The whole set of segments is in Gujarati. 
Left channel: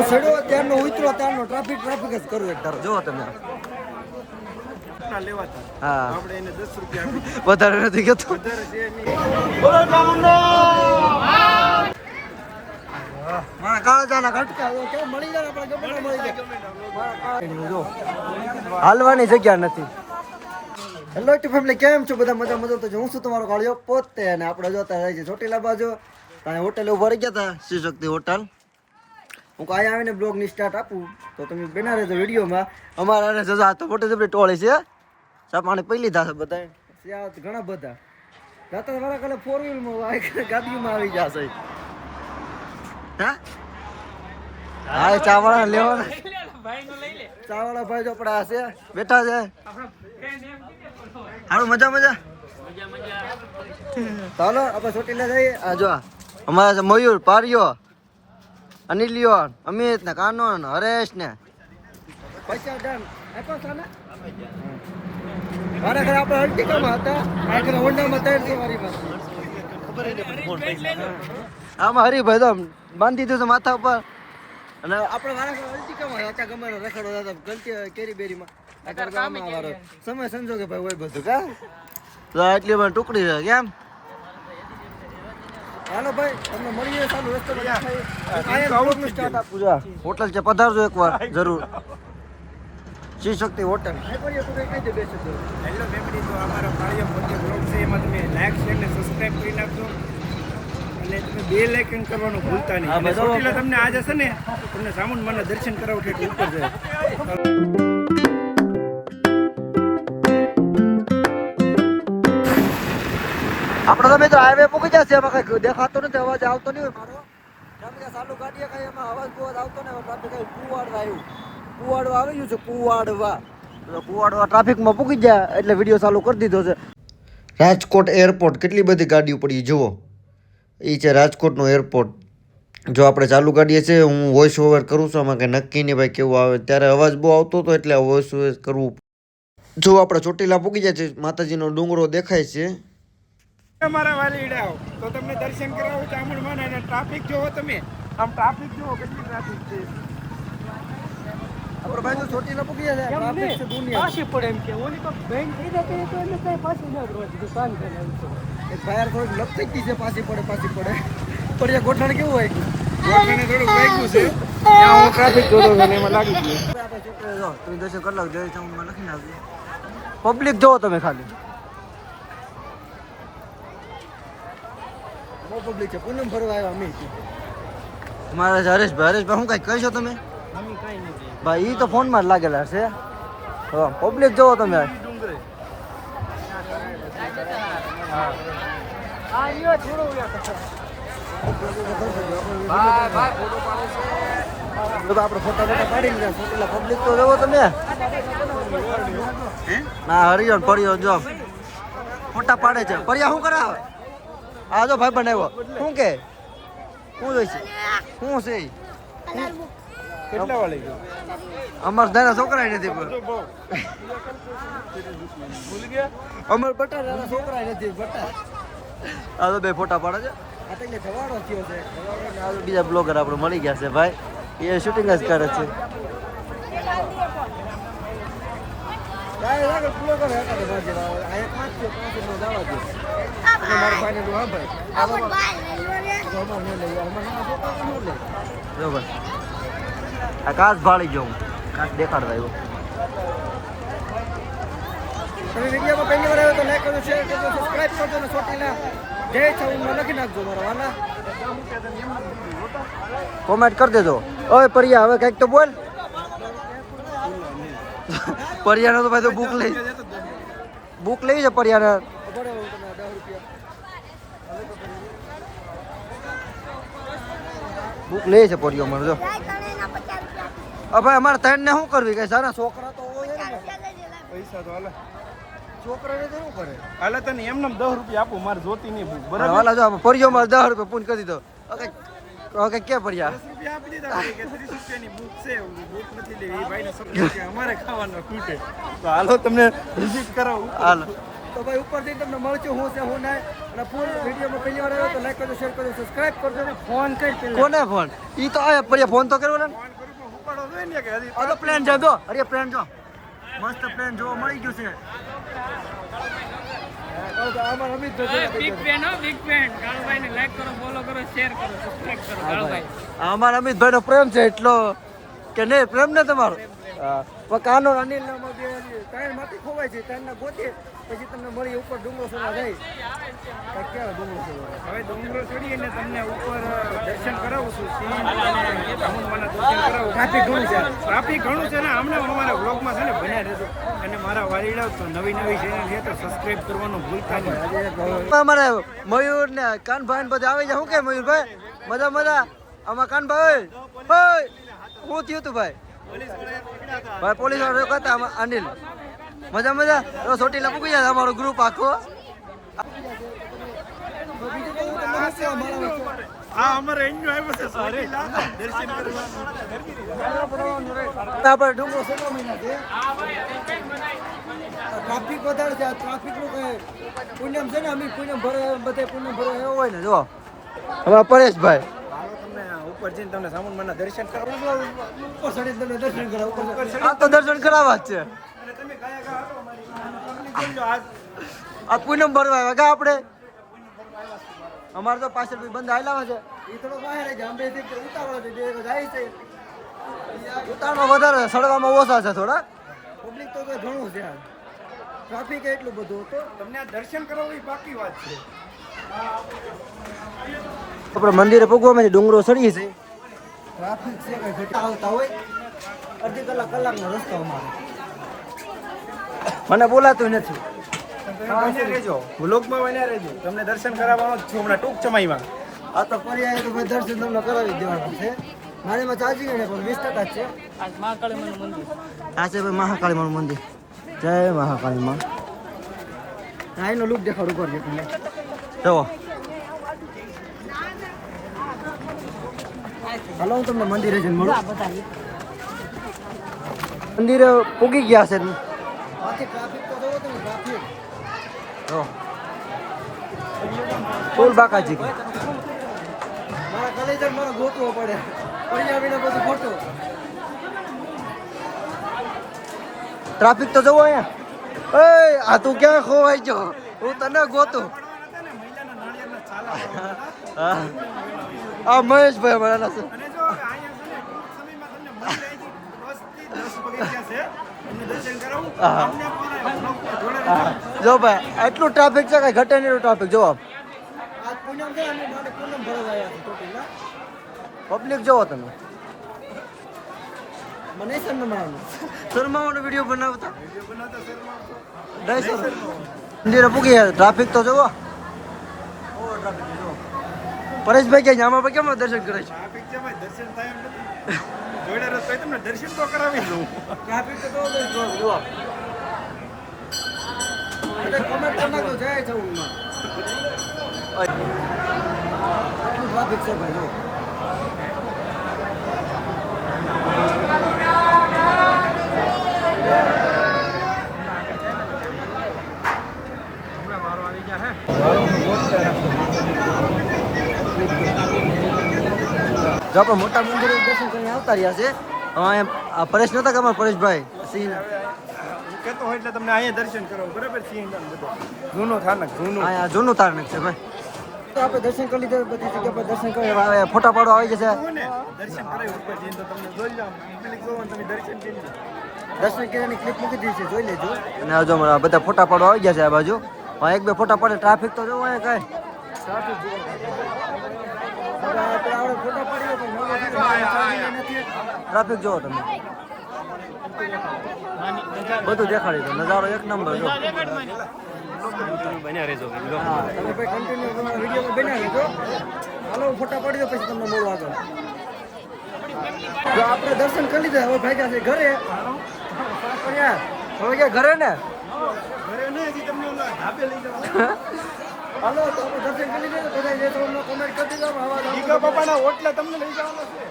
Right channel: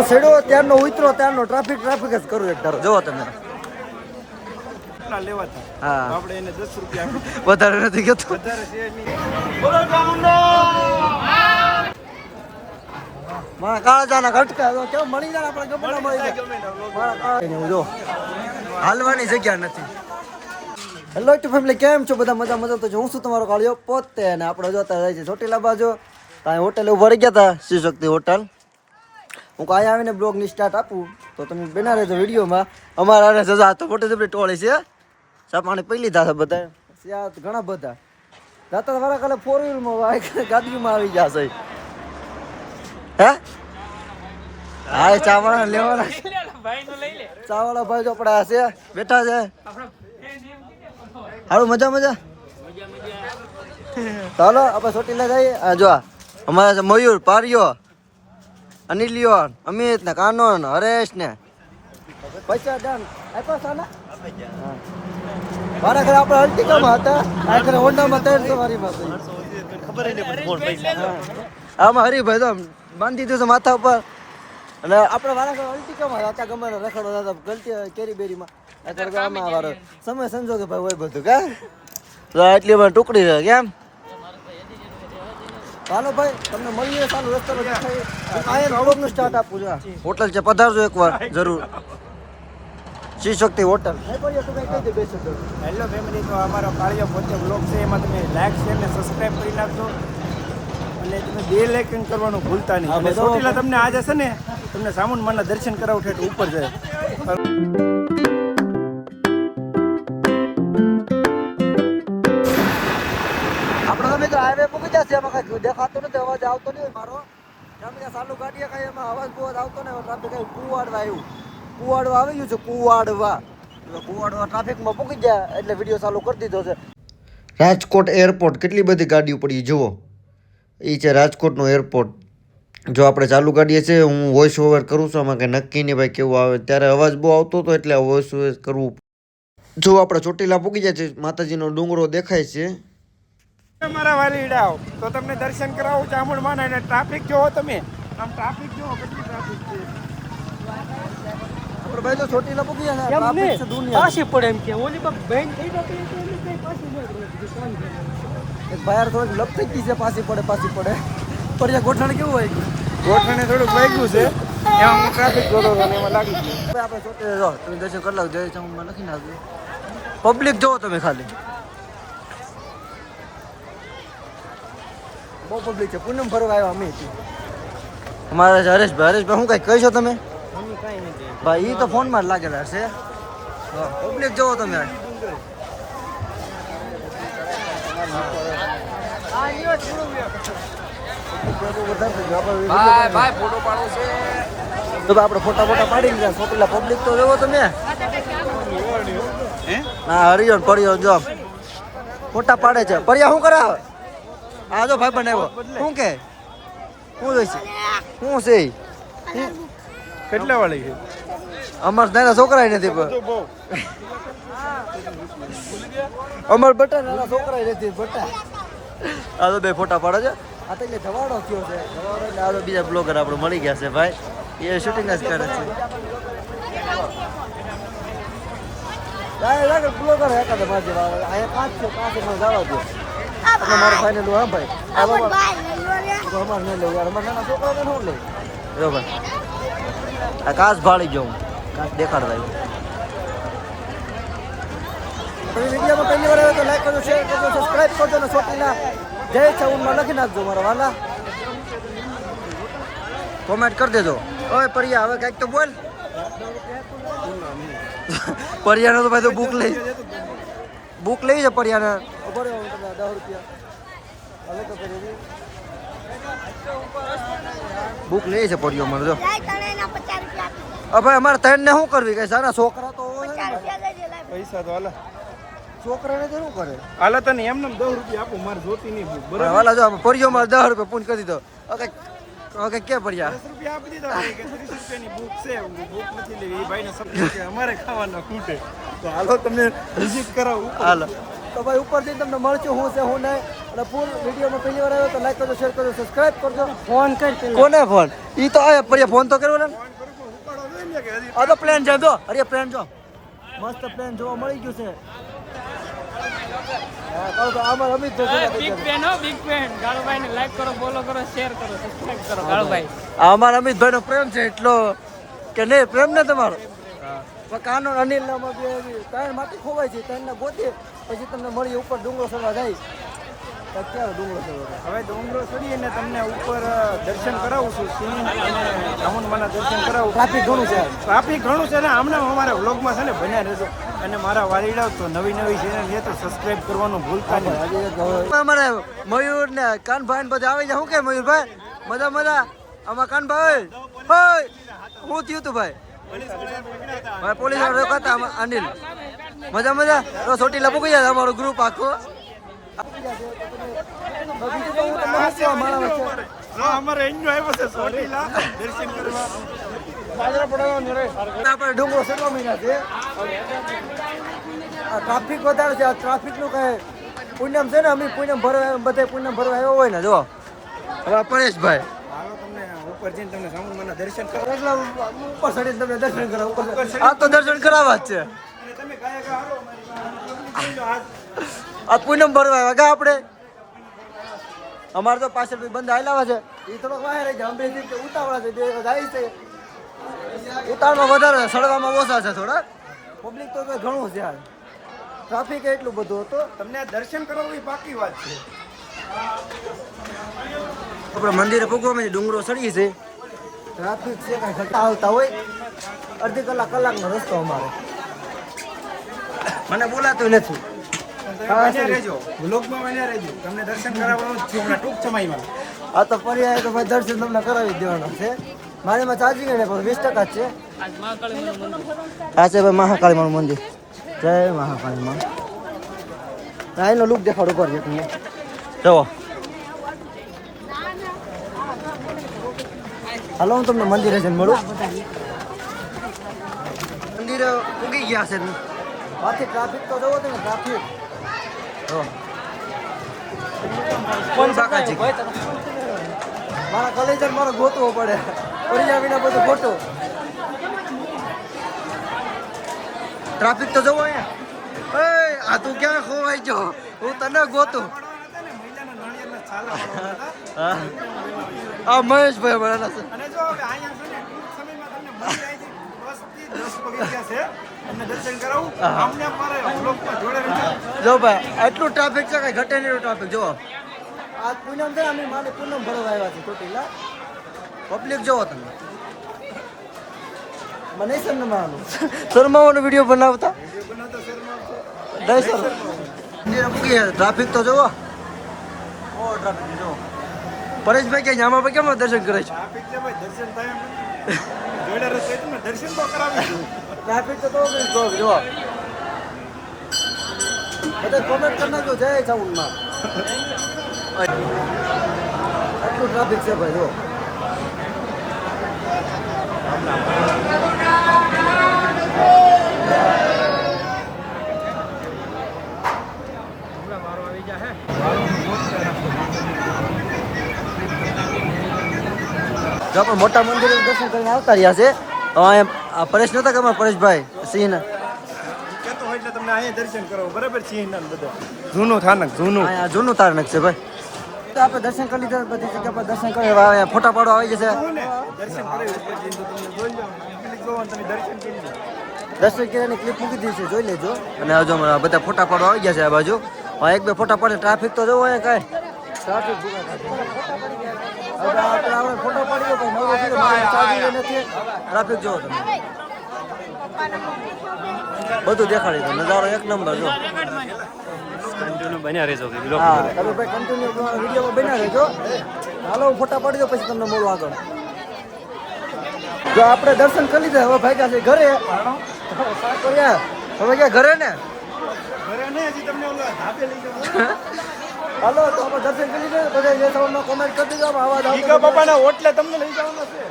હું સેડો ત્યારનો ઉતરો ત્યારનો ટ્રાફિક જ કરું એક ધારો જોવો તમે લેવાતા હા આપણે એને 10 રૂપિયા વધારે નથી કહેતો વધારે છે નહીં મારા કાળા જાના ઘટકા કેમ મળી જાય આપણે ગમે ના મળી જાય મારા કાળા જો હાલવાની જગ્યા નથી હેલો ટુ ફેમિલી કેમ છો બધા મજા તો હું શું તમારો કાળિયો પોતે અને આપણે જોતા રહે છે ચોટીલા બાજુ ત્યાં હોટલ ઉભા રહી ગયા હતા શ્રી શક્તિ હોટલ હું કાંઈ આવીને બ્લોગની સ્ટાર્ટ આપું તો તમે બના રહેજો વિડીયોમાં અમારા સજા તો મોટી જબરી ટોળી છે ચા પાણી પી લીધા છે બધા ત્યાં ઘણા બધા જાતા મારા કાલે 4 વ્હીલમાં ગાડીમાં આવી ગયા છે હે હા ચાવાળા લેવાના ચાવાળા ભાઈ જો પડ્યા છે બેઠા છે હાલો મજા ચાલો આપણે ચોટીલા જઈએ જો અમારા છે મયુર પારિયો અનિલિયો અમિત ને કાનોન હરેશ ને પૈસા ડન આપ્યા સાના મારા ઘરે આપણે અલ્ટિકામાં હતા આ ઘરે હોન્ડામાં 300 વારીમાં આમાં હરીભાઈ તો બાંધી દીધું માથા ઉપર અને આપણે મારા ઘરે અલ્ટિકામાં હતા ગમે રખડો હતા ગલતી કેરી બેરીમાં આ ગામમાં વાળો સમય સંજોગે ભાઈ હોય બધું કા એટલી મને ટુકડી છે કેમ ચાલો ભાઈ તમને મળીએ ચાલુ રસ્તો પર દેખાય હું આયન બ્લોગનું સ્ટાર્ટ આપું છું હોટલ છે પધારજો એકવાર જરૂર શ્રી શક્તિ હોટલ નહીં પડીએ તો કઈ કહી દે બે શબ્દ હેલો ફેમિલી તો અમારો કાળિયો પોતે બ્લોગ છે એમાં તમે લાઈક શેર ને સબસ્ક્રાઇબ કરી નાખજો અને તમે બેલ આઇકન કરવાનું ભૂલતા નહીં અને ચોટીલા તમને આજે છે ને તમને સામુંડમાના દર્શન કરાવું ઠેઠ ઉપર જાય આપણે તો મિત્રો હાઈવે પૂકી જશે એમાં કઈ દેખાતો નથી અવાજ આવતો નહીં હોય મારો ત્યાં ચાલુ ગાડીએ કઈ એમાં અવાજ બહુ આવતો ને ટ્રાફિક કઈ કુવાડવા આવ્યું કુવાડવા આવી ગયું છે કુવાડવા ટ્રાફિકમાં પૂકી ગયા એટલે વિડીયો ચાલુ કરી દીધો છે રાજકોટ એરપોર્ટ કેટલી બધી ગાડીઓ પડી જુઓ એ છે રાજકોટનો એરપોર્ટ જો આપણે ચાલુ ગાડીએ છે હું વોઇસ ઓવર કરું છું આમાં કંઈ નક્કી નહીં ભાઈ કેવું આવે ત્યારે અવાજ બહુ આવતો હતો એટલે વોઇસ ઓવર કરવું જો આપણે ચોટીલા પૂકી જાય છે માતાજીનો ડુંગરો દેખાય છે તમારા વાલીડાઓ તો તમને દર્શન કરાવું ચામુંડમાના અને ટ્રાફિક જોવો તમે આમ ટ્રાફિક જોવો કેટલી ટ્રાફિક છે આપણે ભાઈ તો ચોટીલા પૂકી ગયા છે ટ્રાફિક છે દુનિયા પાછી પડે એમ કે ઓલી પર બેન થઈ જતો તો એને કઈ પાછી ન દુકાન એક ભાઈ થોડીક લપ થઈ ગઈ છે પાછી પડે પણ આ ગોઠણ કેવું હોય ગોઠણે થોડું વાગ્યું છે ત્યાં હું ટ્રાફિક જોઉં આપણે ચોટીલા જો તમે દર્શન કરી લો જય ચામુંડમાં લખી નાખ્યું પબ્લિક જોવો તમે ખાલી બહુ પબ્લિક છે પૂનમ ફરવા આવ્યા અમે અમારા છે હરેશભાઈ શું કઈ કહીશો તમે ભાઈ એ તો ફોનમાં જ લાગેલા છે પબ્લિક જોવો તમે આપણે ફોટા પાડી લીધા ચોટીલા પબ્લિક તો જોવો તમે ના હરિયો ફરિયો જો ફોટા પાડે છે ફરિયા શું કરાવે આ જો ભાઈ બનાવ્યો શું કે શું જોઈશે શું છે કેટલા વાળી છે અમાર નાના છોકરા નથી અમાર બટા નાના છોકરા નથી બટા આ તો બે ફોટા પાડે છે આ તો એટલે ધવાડો થયો છે ધવાડો એટલે આ તો બીજા બ્લોગર આપણે મળી ગયા છે ભાઈ એ શૂટિંગ જ કરે છે બ્લોગર એકાદ માર જેવા અહીંયા કાચ છે કાચ મને જવા દો એટલે મારું ફાઇનલ હા ભાઈ અમારે નહીં લેવું અમારે નાના છોકરા શું લેવું બરોબર આ કાચ ભાળી ગયો હું કાચ દેખાડતા આવ્યો તમે વિડીયોમાં પહેલી વાર આવ્યો તો લાઈક કરજો શેર કરજો સબસ્ક્રાઈબ કરજો ને ચોટીલા જય ચાઉનમાં લખી નાખજો મારા વાલા કોમેન્ટ કરી દેજો ઓય પરિયા હવે કંઈક તો બોલ પરિયાનો તો ભાઈ તો બુક લઈ છે પરિયાને તમને 10 રૂપિયા બુક લે છે પરિયો મને જો ભાઈ અમારે ત્રણ ને શું કરવી કઈ સારા છોકરા તો હોય ને પૈસા તો હાલો છોકરાને શું કરે હાલો તને એમને 10 રૂપિયા આપો મારે જોતી નહીં બુક બરાબર વાલા જો પરિયો માં 10 રૂપિયા પૂન કરી દીધો ઓકે કે પડ્યા 10 રૂપિયા આપી દીધા કે 30 રૂપિયાની બુક છે બુક નથી લેવી એ ભાઈને સપોર્ટ કે અમારે ખાવાના ખૂટે તો હાલો તમને વિઝિટ કરાવું હાલો તો ભાઈ ઉપર જઈને તમને મળશું હું છે હું નહીં. અને ફૂલ વિડીયોમાં પહેલી વાર આવ્યો તો લાઈક કરજો, શેર કરજો, સબસ્ક્રાઇબ કરજો. ફોન કર કોને ફોન? ઈ તો આયા પર ફોન તો કર્યો ને. ફોન કરું પણ ઉપાડો જોઈએ ને કે હજી આ તો પ્લેન છે જો. અરે પ્લેન જો. મસ્ત પ્લેન જોવા મળી ગયું છે. હા કહો તો આમાં અમિતભાઈ બિગ ફેન હો, બિગ ફેન. ગાળુભાઈ ને લાઈક કરો, ફોલો કરો, શેર કરો, સબસ્ક્રાઇબ કરો. ગાળુભાઈ આ અમારા અમિતભાઈ નો પ્રેમ છે એટલો કે નહીં પ્રેમ ને તમારો. હા પણ કાનો અનિલ નામાં બે ત્રણ માટી ખોવાય છે, ત્રણ ને ગોતી પછી તમને મળી ઉપર ડુંગરો ચડવા જાય. તો ક્યારે ડુંગરો ચડવા? હવે ડુંગરો ચડીએ ને તમને ઉપર દર્શન કરાવું છું સિંહ અને ચામુંડમાના દર્શન કરાવું. ટ્રાફિક ઘણું છે. ટ્રાફિક ઘણું છે ને હમણાં અમારા વ્લોગમાં છે ને બન્યા રહેજો. અને મારા વાલીડાઓ તો નવી ચેનલ છે તો સબસ્ક્રાઇબ કરવાનું ભૂલતા નહીં. આજે એક અમારે મયુર ને કાનભાઈ ને બધા આવી જાય. શું કે મયુરભાઈ મજા મજા? આમાં કાનભાઈ હોય હું થયું તું ભાઈ? ભાઈ પોલીસ વાળા રોકાતા આમાં અનિલ મજા મજા ચોટીલા પૂકી જાય અમારો ગ્રુપ આખો. બીજું તો હું તમને શું કહું મારા વચ્ચે હા અમારે અહીંનો આવ્યો છે ચોટીલા દર્શન કરવા. આપણે ડુંગરો સડવા મહિના છે. આ ટ્રાફિક વધારે છે. આ ટ્રાફિકનું કઈ પુણ્યમ છે ને અમે પુણ્યમ ભરવા બધે પુણ્યમ ભરવા આવ્યો હોય ને જો હવે પરેશભાઈ હાલો તમને ઉપર જઈને તમને ચામુંડમાના દર્શન કરવા. ઉપર ચડીને તમને દર્શન કરાવ. ઉપર આ તો દર્શન કરાવવા જ છે. અને તમે કયા કયા હાલો મારી આ પૂનમ ભરવા આવ્યા કા આપણે. અમારે તો પાછળ ભાઈ બંધ આવેલા છે. એ થોડોક બહાર રહી જાય. અંબેથી કે ઉતાવળા છે બે જાય છે. ઉતાવળમાં વધારે સડવામાં ઓછા છે થોડા. પબ્લિક તો ઘણું છે. ટ્રાફિક એટલું બધું હતું. તમને દર્શન કરાવવું એ પાકી વાત છે. આપણે મંદિરે પૂગવામાં ડુંગરો ચડીએ છે. ટ્રાફિક છે કઈ ઘટા આવતા હોય અડધી કલાકનો રસ્તો અમારે. મને બોલાતું નથી. બન્યા રહેજો વ્લોગમાં બન્યા રહેજો. તમને દર્શન કરાવવાનો જ છું હમણાં ટૂંક સમયમાં. આ તો પર્યાય તો ભાઈ દર્શન તમને કરાવી દેવાના છે. મારેમાં ચાર્જિંગ ને પણ 20% જ છે. આજ મહાકાળીનું મંદિર. આ છે ભાઈ મહાકાળી માનું મંદિર. જય મહાકાળી માં. એનો લુક દેખાડો ઉપર છે તમને જુઓ. હાલો હું તમને મંદિરે જઈને મળું. મંદિરે પૂગી ગયા છે. બાકી ટ્રાફિક તો જવો ને ટ્રાફિક જો ફૂલ બાકાજી. મારા કલેજર મારો ગોતવો પડે. ઓરિયા વિના બધું ખોટું. ટ્રાફિક તો જવો હે. આ તું ક્યાં ખોવાઈ ગયો? હું તને ગોતું. મહિલાના નાળિયેરના છાલા વાળવાના હતા. હા આ મહેશભાઈ અમારા છે. અને જો હવે અહીંયા છે ને ટૂંક સમયમાં તમને મંદિર આવી 10 થી 10 પગથિયા છે. તમને દર્શન કરાવું. અમને અમારા વ્લોગમાં જોડે રહેજો. જો ભાઈ આટલું ટ્રાફિક છે કઈ ઘટે નહીં ટ્રાફિક જો. આ પૂનમ છે અમે મારે પૂનમ ભરવા આવ્યા છીએ ચોટીલા. પબ્લિક જોવો તમે. મને શર્માવાનો વિડીયો બનાવતા વિડીયો બનાવતા શર્માવશો. નહીં સર મંદિરે પૂગી ગયા. ટ્રાફિક તો જોવો. ઓ ટ્રાફિક જો પરેશભાઈ કે આમાં ભાઈ કેમ દર્શન કરે છે? ટ્રાફિક છે ભાઈ દર્શન થાય એમ નથી. જોડે રસ્તો તમને દર્શન તો કરાવી દઉં. ટ્રાફિક તો જો બધા કોમેન્ટ કરી નાખજો જય ચાઉનમાં. આટલું ટ્રાફિક છે ભાઈ જો. મારો આવી ગયા હે. જો આપણે મોટા મંદિરે દર્શન કરીને આવતા રહ્યા છે. આ પરેશ નતા કે પરેશભાઈ સિંહ કહેતો હોય એટલે તમને અહીંયા દર્શન કરો બરાબર સિંહના બધા. જૂનું થાનક જૂનું. અહીંયા જૂનું તારણક છે ભાઈ. તો આપણે દર્શન કરી લીધા. બધી જગ્યા પર દર્શન કરી હવે ફોટા પાડવા આવી જશે. જુઓ ને દર્શન કરાવી ઉપર જઈને તો તમને જોઈ જાવ. પબ્લિક જોવો ને તમે દર્શન કરી લો. દર્શન કર્યાની ક્લિપ મૂકી દીધી છે જોઈ લેજો. અને હજુ હમણાં બધા ફોટા પાડવા આવી ગયા છે આ બાજુ. એક બે ફોટા પડે. ટ્રાફિક તો જોવો અહીંયા કાંઈ ટ્રાફિક ભૂગા હવે આપણે ફોટો પાડી દો ભાઈ. નવો થયો મારે ચાર્જિંગ નથી. ટ્રાફિક જોવો તમે. બધું દેખાડી દો. નજારો એક નંબર જો. હા તમે ભાઈ કન્ટિન્યુ વિડીયોમાં બન્યા રહેજો. હાલો હું ફોટા પાડી દો પછી તમને મળું આગળ. જો આપણે દર્શન કરી લીધા હવે ભાઈ જશે ઘરે. હવે ક્યાં ઘરે ને? ઘરે નહીં હજી તમને ઓલા ધાબે લઈ જવા. હાલો તો આપણે દર્શન કરી લીધા. બધા જે તમને કોમેન્ટ કરી દીધો આવાજ ઈકા બાપાના ઓટલે તમને લઈ જવાનું છે.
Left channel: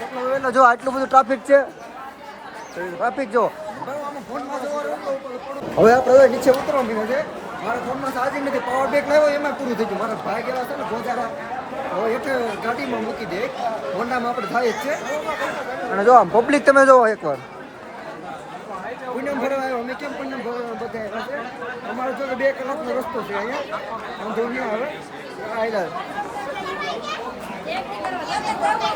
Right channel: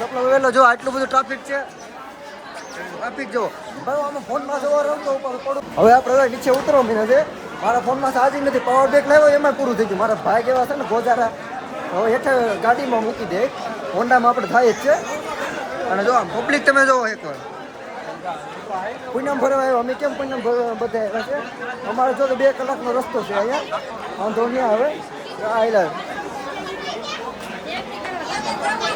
સપના વેલો જો આટલું બધું ટ્રાફિક છે. ટ્રાફિક જો બરાબર આમાં ફોનમાં જોવા રહું તો ઉપર પડું. હવે આપણે હવે નીચે ઉતરવા મીને છે. મારા ફોનમાં ચાર્જિંગ નથી, પાવર બેક લાવ્યો એમાં પૂરું થઈ ગયું. મારા ભાઈ કેવા છે ને ગોજારા હવે હેઠે ગાડીમાં મૂકી દે. હોન્ડામાં આપણે થાય જ છે. અને જો આમ પબ્લિક તમે જોવો એકવાર પૂનમ ભરવા આવ્યો. અમે કેમ પૂનમ બધા આવ્યા છે? અમારે જો કે 2 કલાકનો રસ્તો છે અહીંયા, વાંધો નહીં આવે. આયલા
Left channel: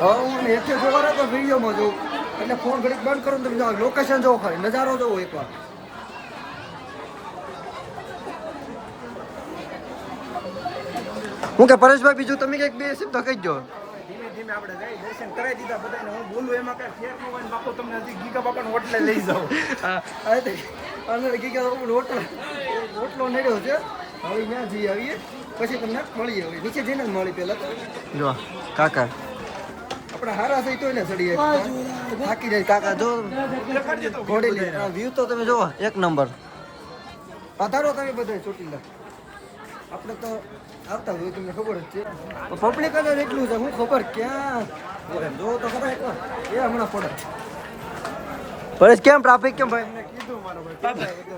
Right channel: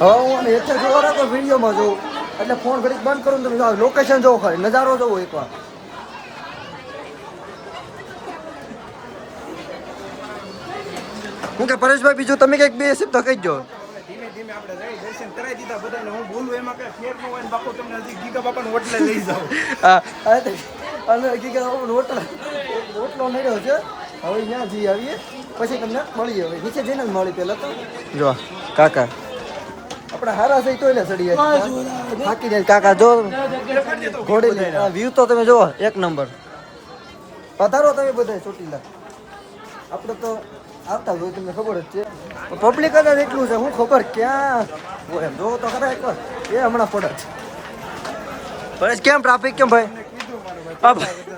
હવે હું આને હેઠે જોવા રાખો વિડીયોમાં જોઉં એટલે ફોન ઘડીક બંધ કરું તમે જાઓ લોકેશન જોવો ખરી નજારો જોવો એકવાર. હું કે પરેશભાઈ બીજું તમે કંઈક 2 શબ્દ કહી દો. ધીમે ધીમે આપણે જઈ દર્શન કરાવી દીધા બધાને. હું બોલું એમાં કઈ ફેર ન હોય ને બાપુ તમને હજી ગીગા બાપાને હોટલે લઈ જાઓ. હા અને ગીગા હોટલો નડ્યો છે. હવે ત્યાં જઈ આવીએ પછી તમને મળીએ. હવે નીચે જઈને જ મળી પહેલાં તો જો કાકા આપણે હારા થઈ તો એને ચડી જાય થાકી જાય કાકા. જો ઘોડી લે વ્યૂ તો તમે જુઓ 1 નંબર. પધારો તમે બધા ચોટીલા. આપણે તો આવતા હોય તમને ખબર જ છે. પબ્લિક જ એટલું છે હું ખબર ક્યાં હોય એમ જોવો તો ખરા એકવાર એ હમણાં પડે છે. પરેશ કેમ ટ્રાફિક કેમ ભાઈ? કીધું મારો ભાઈ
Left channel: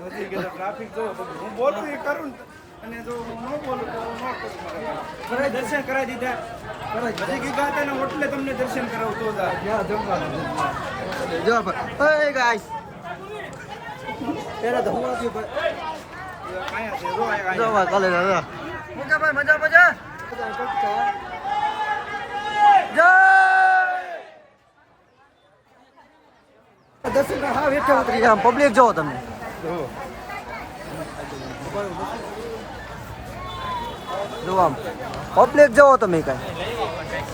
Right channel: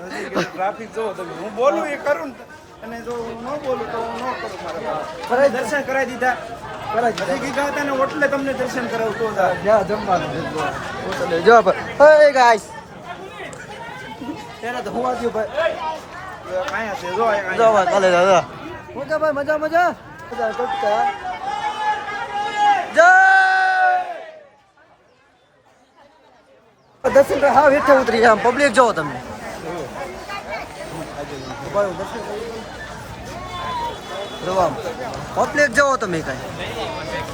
હજી કીધું ટ્રાફિક જોવો તો હું બોલું એ કરું અને જો હું ન બોલું તો હું ન કરું. મારા દર્શન કરાવી દીધા. હજી ગીગા હતા ને હોટલે તમને દર્શન કરાવું તો જ્યાં જમવાનું જો ભાઈ ગાઈસ ત્યારે તો હું આવ્યું ભાઈ. કાંઈ હશે જો આ જો ભાઈ કાલે દાદા મજા ભાઈ મજા મજા ટટકા જય દર્શન કરે હા હેઠે ઉતરી આમ પબ્લિક જોવો તમે. જો આમ પબ્લિક જોવો તમે કાંઈ.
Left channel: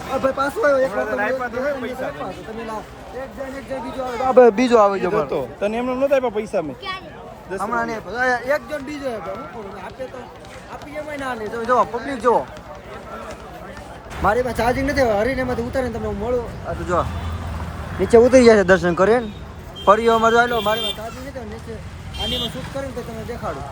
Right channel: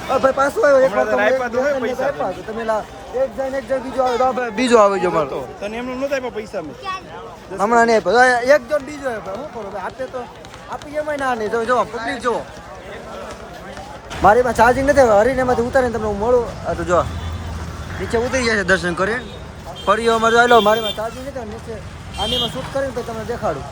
ભાઈ પાછો આવ્યો એક વાર તમે તમે એક જણ બીજો આવે તો બીજો આવે જો મારો તને એમને નહોતા આપ્યા પૈસા મેં હમણાં નહીં આપ્યો. એક જણ બીજો આપ્યો શું કરું આપે તો આપી એમાં ના નહીં. જો પબ્લિક જુઓ મારી પાસે ચાર્જિંગ નથી. હરીને એમાંથી ઉતારીને તમને હું મળું તો જો નીચે ઉતરી ગયા છે દર્શન કરીને. ફરી અમારે જો મારી પાસે ચાર્જિંગ નથી નીચે આનીમાં શૂટ કરીને પછી તમને દેખાડું.